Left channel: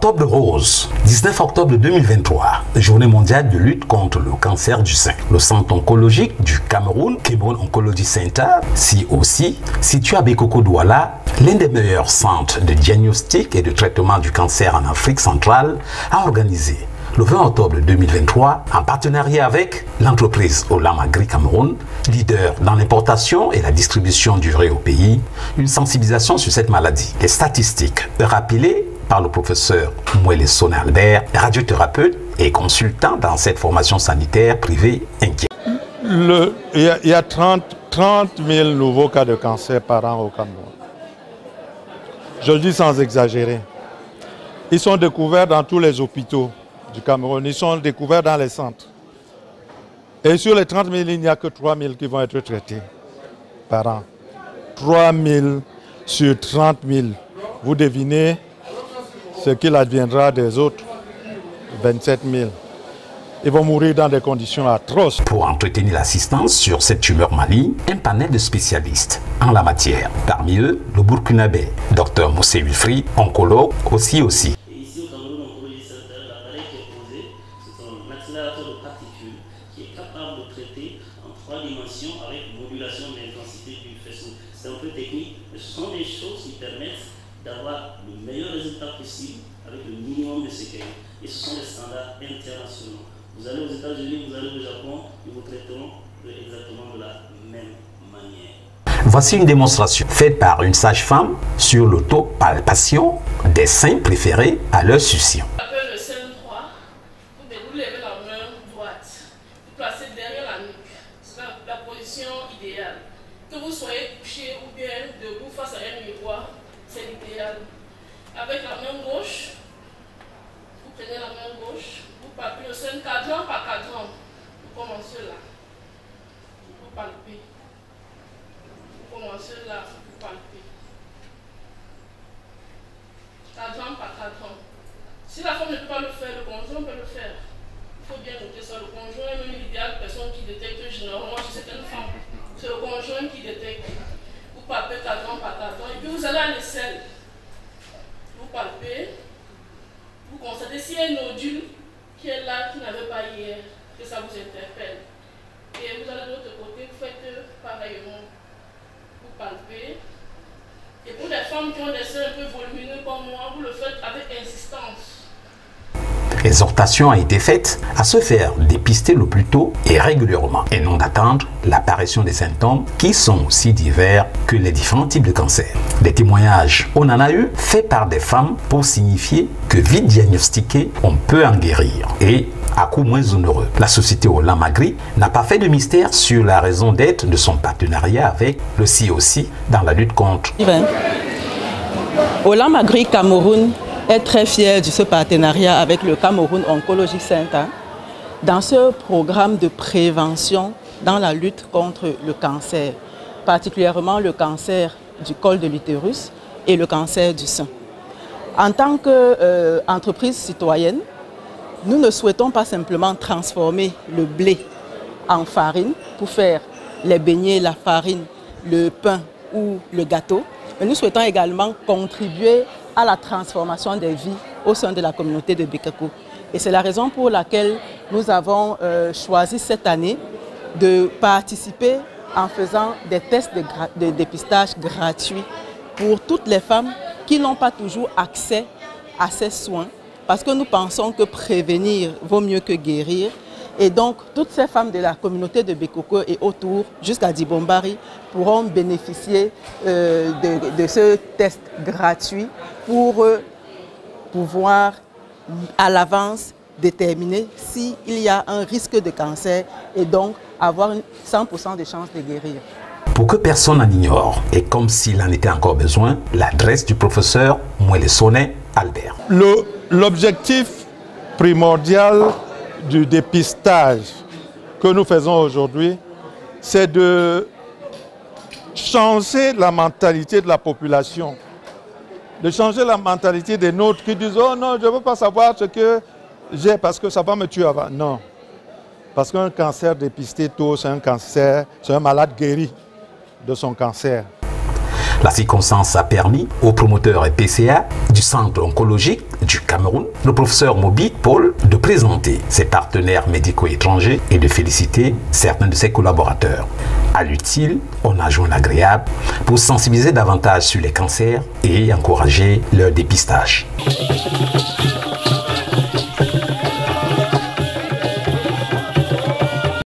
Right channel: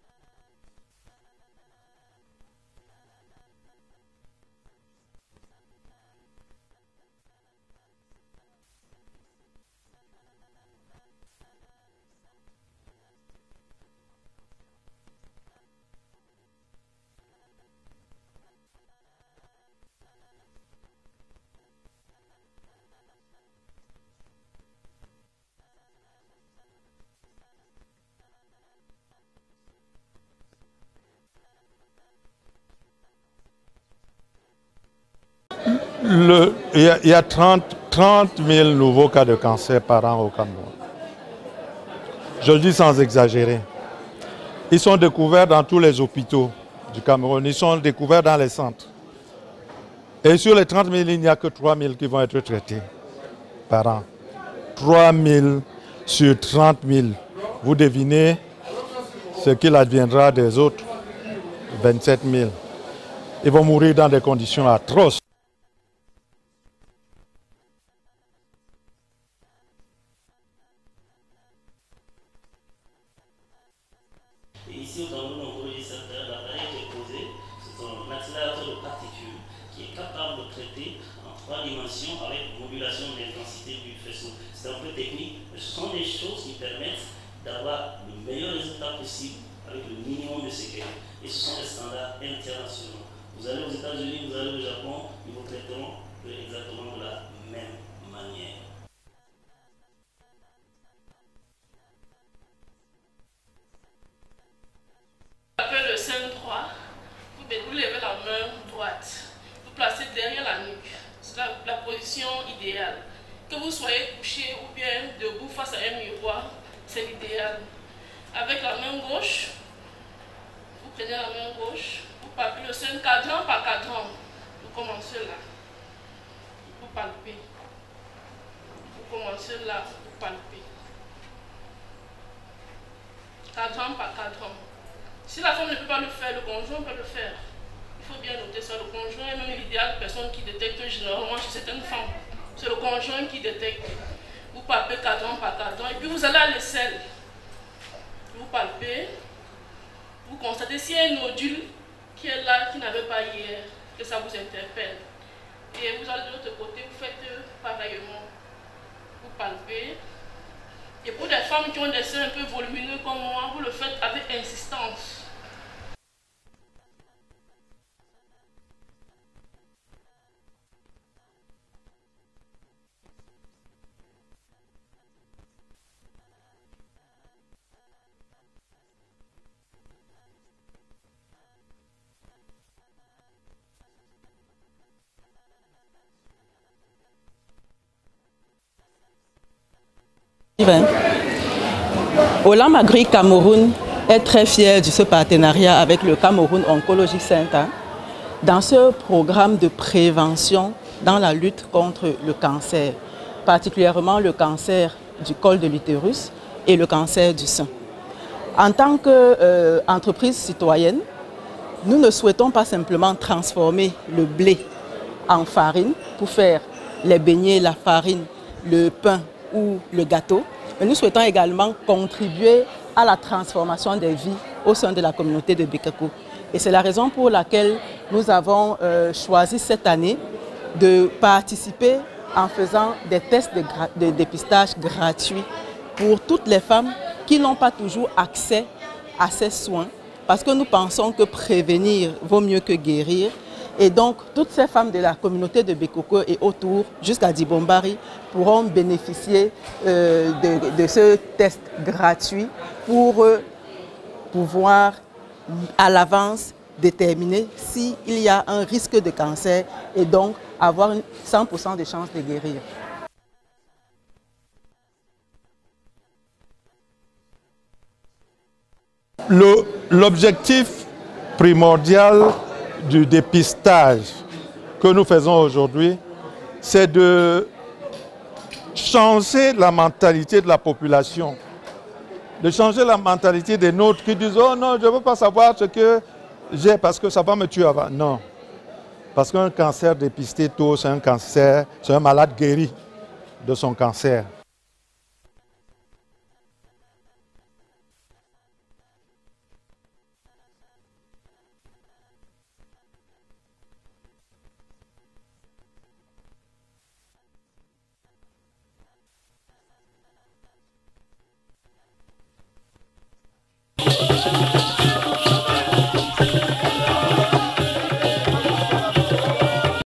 Octobre rose, 19 octobre 2023, journée mondiale de lutte contre le cancer du sein. Le centre oncologique du Cameroun, Cameroun Oncology Center, COC, situé à Bekoko Douala, l'un des meilleurs centres de diagnostic et de traitement du cancer en Afrique centrale, a organisé le 20 octobre 2023, en partenariat avec l'entreprise Olam Agri Cameroun, leader dans l'importation et la distribution du riz au pays, une sensibilisation sur cette maladie. Les statistiques rappelées par le professeur Mwele Sone Albert, radiothérapeute et consultant dans cette formation sanitaire privée inquiète. Il y a 30 000 nouveaux cas de cancer par an au Cameroun. Je le dis sans exagérer. Ils sont découverts dans tous les hôpitaux du Cameroun. Ils sont découverts dans les centres. Et sur les 30 000, il n'y a que 3 000 qui vont être traités par an. 3 000 sur 30 000. Vous devinez ce qu'il adviendra des autres 27 000. Ils vont mourir dans des conditions atroces. Pour entretenir l'assistance sur cette tumeur maligne, un panel de spécialistes en la matière. Parmi eux, le Burkinabé, Dr Moussé Wilfried, oncologue aussi. Et ici au Cameroun Oncology Center, l'appareil qui est posé, c'est un accélérateur de particules qui est capable de traiter en 3 dimensions avec modulation de l'intensité du faisceau. C'est un peu technique, mais ce sont des choses qui permettent d'avoir le meilleur résultat possible avec le minimum de séquelles. Et ce sont des standards internationaux. Vous allez aux États-Unis, vous allez au Japon, ils vous traiteront exactement de la même manière. Voici une démonstration faite par une sage-femme sur l'autopalpation des seins préférés à leur succion. Avec le sein droit, vous levez la main droite, vous placez derrière la nuque. C'est la position idéale. Que vous soyez couché ou bien debout face à un miroir, c'est l'idéal. Avec la main gauche, vous prenez la main gauche, vous palpez le sein cadran par cadran. Vous commencez là, vous palpez. Vous commencez là, vous palpez. Cadran par cadran. Si la femme ne peut pas le faire, le conjoint peut le faire. Il faut bien noter ça. Le conjoint est même l'idéal personne qui détecte généralement chez certaines femmes. C'est le conjoint qui détecte. Vous palpez cadran par cadran. Et puis vous allez à l'aisselle. Vous palpez. Vous constatez s'il y a un nodule qui est là, qui n'avait pas hier, que ça vous interpelle. Et vous allez de l'autre côté, vous faites pareillement. Vous palpez. Et pour les femmes qui ont des seins un peu volumineux comme moi, vous le faites avec insistance. L'exhortation a été faite à se faire dépister le plus tôt et régulièrement, et non d'attendre l'apparition des symptômes qui sont aussi divers que les différents types de cancer. Des témoignages, on en a eu, faits par des femmes pour signifier que vite diagnostiqué, on peut en guérir, et à coût moins onéreux. La société Olam Agri n'a pas fait de mystère sur la raison d'être de son partenariat avec le COC dans la lutte contre. Olam Agri Cameroun est très fier de ce partenariat avec le Cameroun Oncology Center dans ce programme de prévention dans la lutte contre le cancer, particulièrement le cancer du col de l'utérus et le cancer du sein. En tant qu'entreprise citoyenne, nous ne souhaitons pas simplement transformer le blé en farine pour faire les beignets, la farine, le pain ou le gâteau, mais nous souhaitons également contribuer à la transformation des vies au sein de la communauté de Bekoko. Et c'est la raison pour laquelle nous avons choisi cette année de participer en faisant des tests de dépistage gratuits pour toutes les femmes qui n'ont pas toujours accès à ces soins, parce que nous pensons que prévenir vaut mieux que guérir. Et donc, toutes ces femmes de la communauté de Bekoko et autour, jusqu'à Dibombari, pourront bénéficier de ce test gratuit pour pouvoir, à l'avance, déterminer s'il y a un risque de cancer et donc avoir 100% de chances de guérir. Pour que personne n'en ignore, et comme s'il en était encore besoin, l'adresse du professeur Mwele Sone Albert. L'objectif primordial du dépistage que nous faisons aujourd'hui, c'est de changer la mentalité de la population, de changer la mentalité des nôtres qui disent « Oh non, je ne veux pas savoir ce que j'ai parce que ça va me tuer avant ». Non, parce qu'un cancer dépisté tôt, c'est un cancer, c'est un malade guéri de son cancer. La circonstance a permis au promoteur et PCA du Centre oncologique du Cameroun, le professeur Mobit Paul, de présenter ses partenaires médicaux étrangers et de féliciter certains de ses collaborateurs. À l'utile, on a joint l'agréable pour sensibiliser davantage sur les cancers et encourager leur dépistage.